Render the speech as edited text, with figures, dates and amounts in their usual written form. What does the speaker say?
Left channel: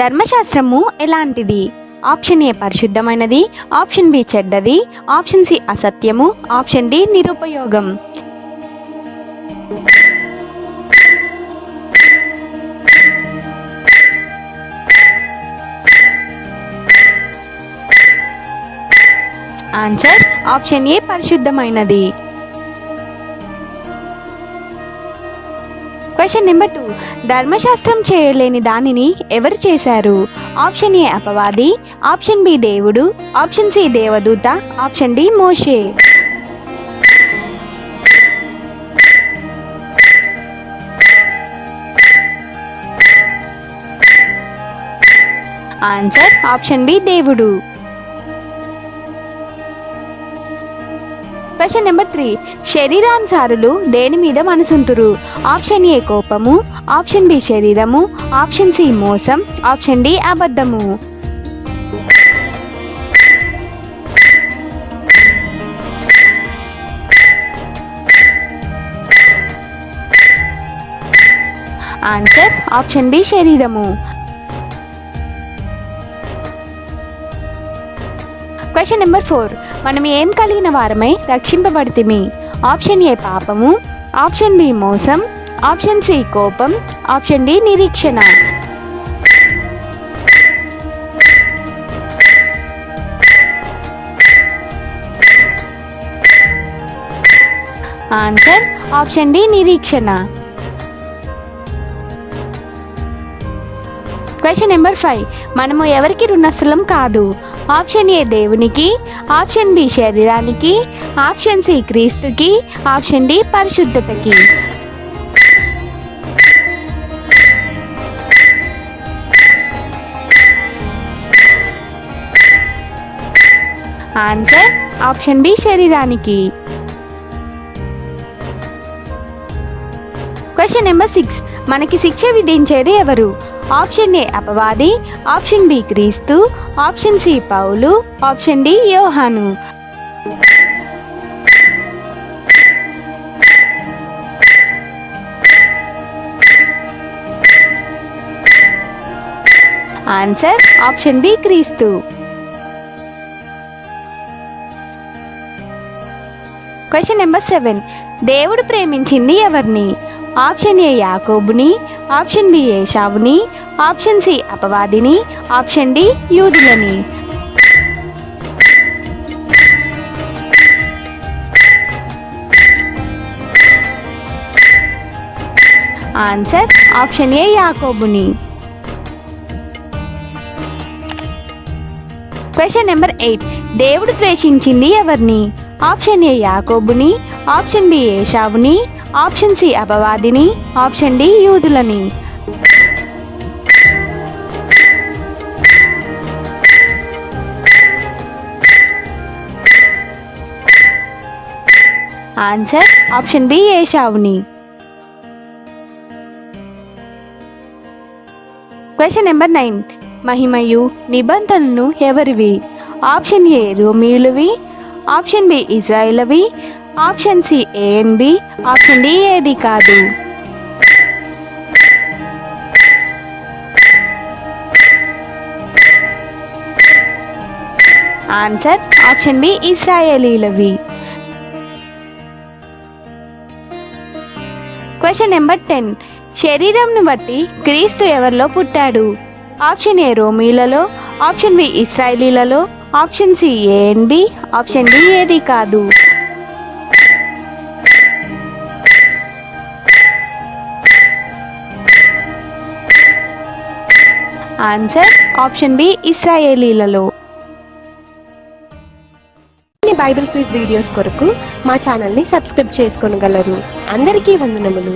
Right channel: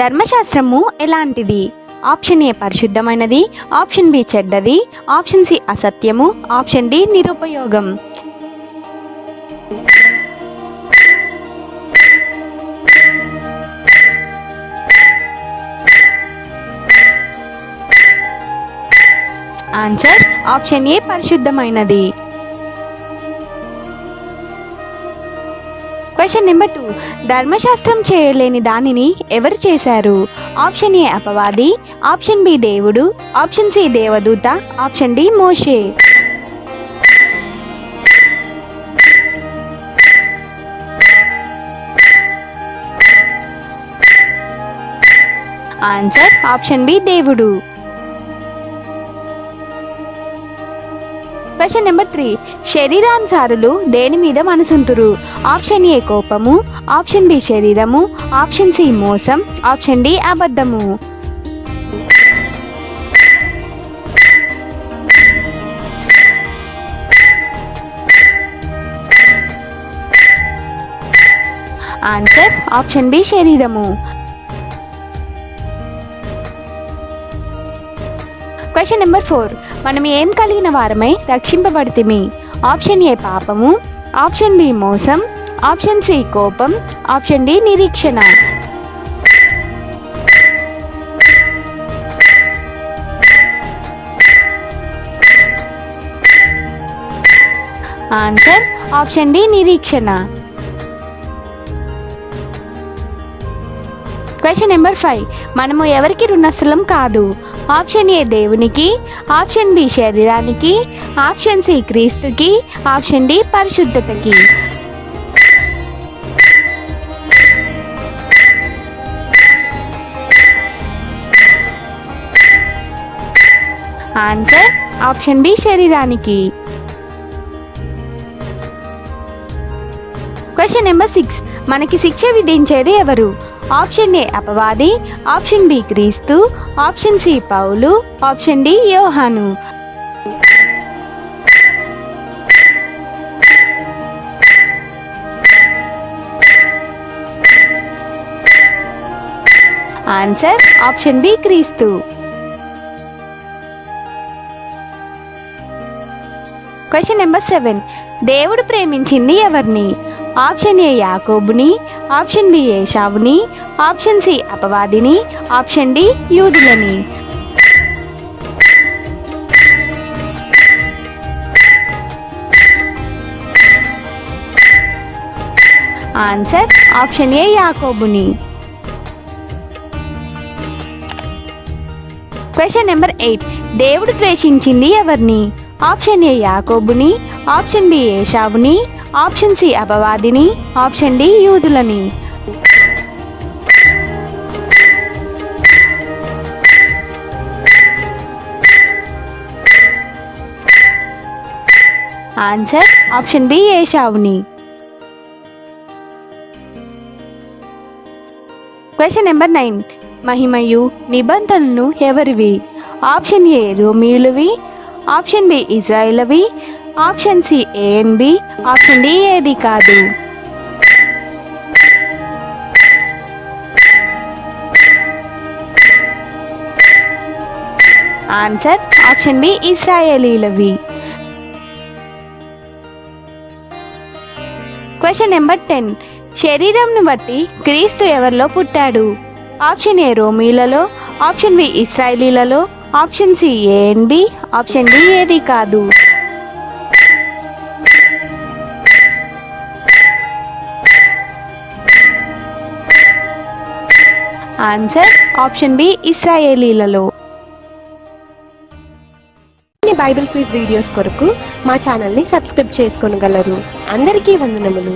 ధర్మశాస్త్రము ఎలాంటిది? Option A పరిశుద్ధమైనది, ఆప్షన్ బి చెడ్డది, ఆప్షన్ సి అసత్యము, ఆప్షన్ డి నిరుపయోగం. ఆన్సర్ ఆప్షన్ ఏ పరిశుద్ధమైనది. Question number 2. ధర్మశాస్త్రం చేయలేని దానిని ఎవరు చేశారు? ఆప్షన్ ఏ అపవాది, ఆప్షన్ బి దేవుడు, ఆప్షన్ సి దేవదూత, ఆప్షన్ డి మోషే. ఆన్సర్ ఆప్షన్ బి దేవుడు. Question number 3. శరీరానుసారులు దేని మీద మనసుంతురు? ఆప్షన్ ఏ కోపము, ఆప్షన్ బి శరీరము, ఆప్షన్ సి మోసం, ఆప్షన్ డి అబద్ధము. ఆన్సర్ ఆప్షన్ బి శరీరము. Question number 4. మనం ఏం కలిగిన వారమై రక్షింపబడితిమి? ఆప్షన్ ఏ పాపము, ఆప్షన్ బి మోసం, ఆప్షన్ సి కోపం, ఆప్షన్ డి నిరీక్షణ. ఆన్సర్ ఆప్షన్ డి నిరీక్షణ. Question number 5. మనము ఎవరికి రుణస్థలం కాదు? ఆప్షన్ ఏ దేవునికి, ఆప్షన్ బి శరీరానికి, ఆప్షన్ సి క్రీస్తుకి, ఆప్షన్ డి పరిశుద్ధతకి. ఆన్సర్ ఆప్షన్ బి శరీరానికి. Question number 6. మనకి శిక్ష విధించేది ఎవరు? ఆప్షన్ ఏ అపవాది, ఆప్షన్ బి క్రీస్తు, ఆప్షన్ సి పౌలు, ఆప్షన్ డి యోహాను. ఆన్సర్ ఆప్షన్ బి క్రీస్తు. Question number 7. దేవుడు ప్రేమించింది ఎవరిని? ఆప్షన్ ఏ యాకోబుని, ఆప్షన్ బి ఏశావుని, ఆప్షన్ సి అపవాదిని, ఆప్షన్ డి యూదులని. ఆన్సర్ ఆప్షన్ ఏ యాకోబుని. Question number 8. దేవుడు ద్వేషించింది ఎవరిని? ఆప్షన్ ఏ యాకోబుని, ఆప్షన్ బి ఏశావుని, ఆప్షన్ సి అపవాదిని, ఆప్షన్ డి యూదులని. ఆన్సర్ ఆప్షన్ బి ఏశావుని. Question number 9. మహిమయు నిబంధనలు ఎవరివి? ఆప్షన్ ఏ రోమీయులవి, ఆప్షన్ బి ఇజ్రాయిలవి, option C A and B, option D ఏది కాదు. ఆన్సర్ ఆప్షన్ బి ఇశ్రాయేలీలవి. Question number 10. శరీరంను బట్టి క్రీస్తు ఎవరిలో పుట్టాడు? ఆప్షన్ ఏ రోమీలలో, ఆప్షన్ బి ఇశ్రాయేలీలలో, option C A and B, option D ఏది కాదు. ఆన్సర్ ఆప్షన్ బి ఇశ్రాయేలీలలో. బైబిల్ క్విజ్ వీడియోస్ కొరకు మా ఛానల్ని సబ్స్క్రైబ్ చేసుకోగలరు. అందరికీ వందనములు.